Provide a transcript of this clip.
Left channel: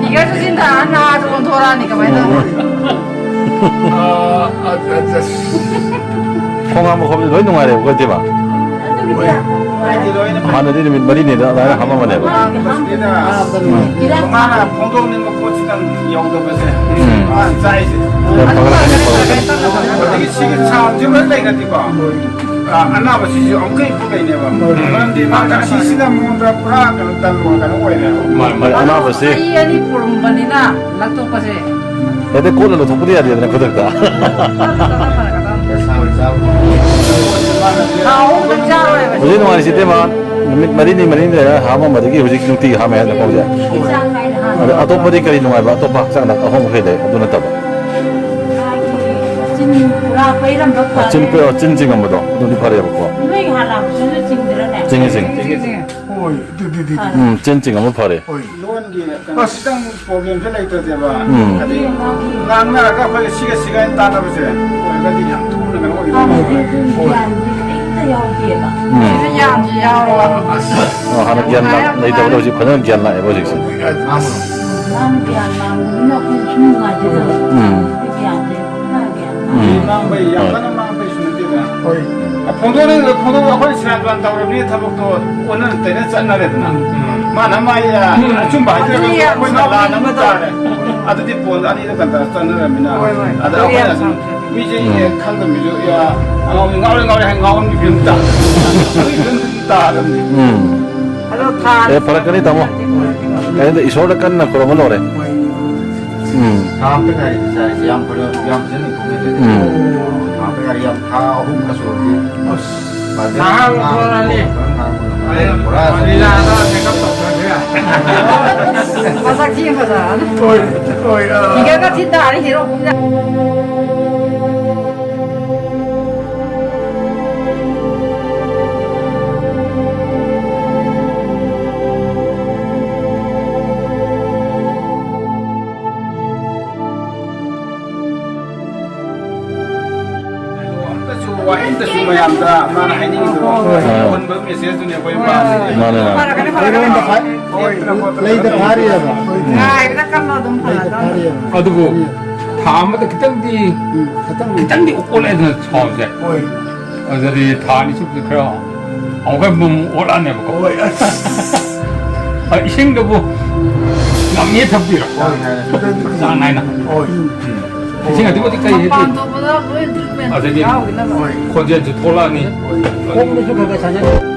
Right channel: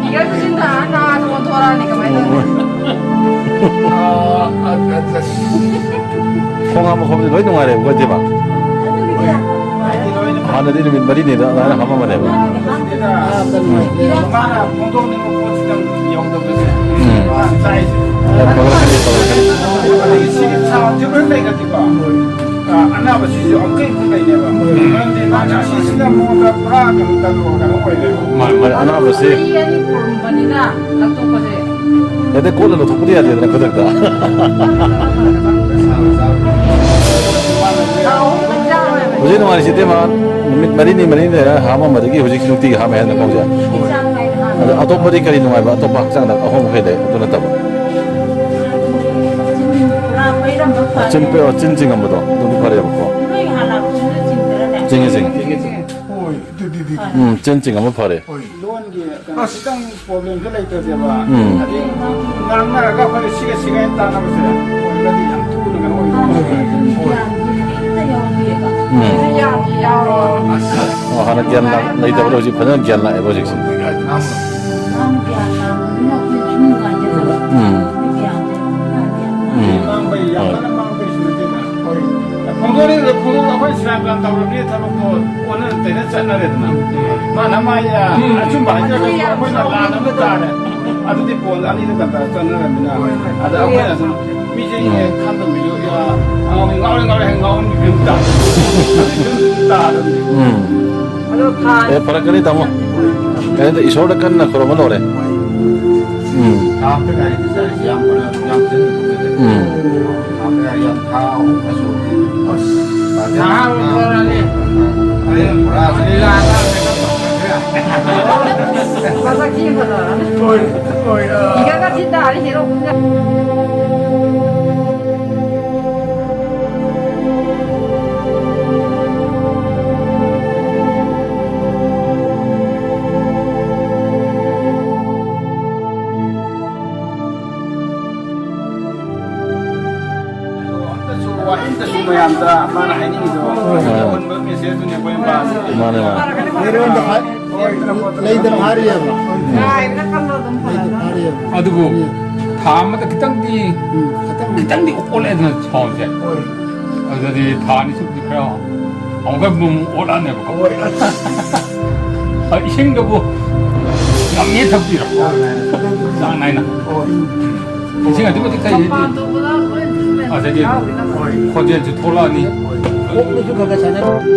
네가 주신다 나 저건 돌아니까 말이야. 콩 한번 거기 너희 농아래 그거지 마. 하늘이 머리니 나는 한 번만 해봐. Mana pondok ni mau poskan yang dah besar. Size. 야 바글바글 바글바글. Jadi sikit cah cuma lagi nanti kau. Anak masih jauh angkai pun lagi ni bang. Nanti mana sisi dah mau dah perah kan dah luang kan awal ni. 안 와봤지? 이연이 보름반이나 낙동까지. 애들 꼴로 독불이야 되나 그덕다. 우리 농아리 시대만 머리니 하면 머리기 후지 중띠 하면 하는 거지. 아또 머리 거리 농아리 봐. 또 박상 나 아무 해래. 어떤 거 봐. 찐징 한번도 눈이 파래 먹고. 징징. 찐징 한번 파래. Luan dia kan sedang problem tu lagi tu dia bang. Jadi lama agak pada sikit tanah besar. Jadi yang tu dengan 하나 기한 나 이따 보다 지금 그냥 기한 나 해보지. Mang bay yang mana mang bay sudah tidak. Pondok apa istilah bang tahu ni tahu tu orang tidak sana ada tu. Mana maya cuma aja kan apa yang lah nama cara. Ada di pondok ada di kantor sana mina. Ada apa yang sana. Miji ni kan tu miji ya. Ngau hang ni pinta. Pinta ada. 바라까니 다모. 근데 이소라 깐나 그런 건 오래. Hampir yang jenis mungkin. Hampir yang kau masuk. Tahu orang ni. 마삭 지으자. 네가 같이다 아니 제로. Wah itu semua yang dah mana ini itu. Pun bermesej tu ni boleh bahas. 만에 만. 레이더 발이야. 아, 이거 깐 거든 팔아. 어두고 다음부터 그땅디 올해는 처음이야. 어디 다니 숙도 그래. 어가 뭐 올안해 보고. 아 이생도 뭐 남이 덥지라. 나나이나. 이생아 누구니까 얘들. 아 저기 거기에 돌아니. 꼭 내주고 가잖아.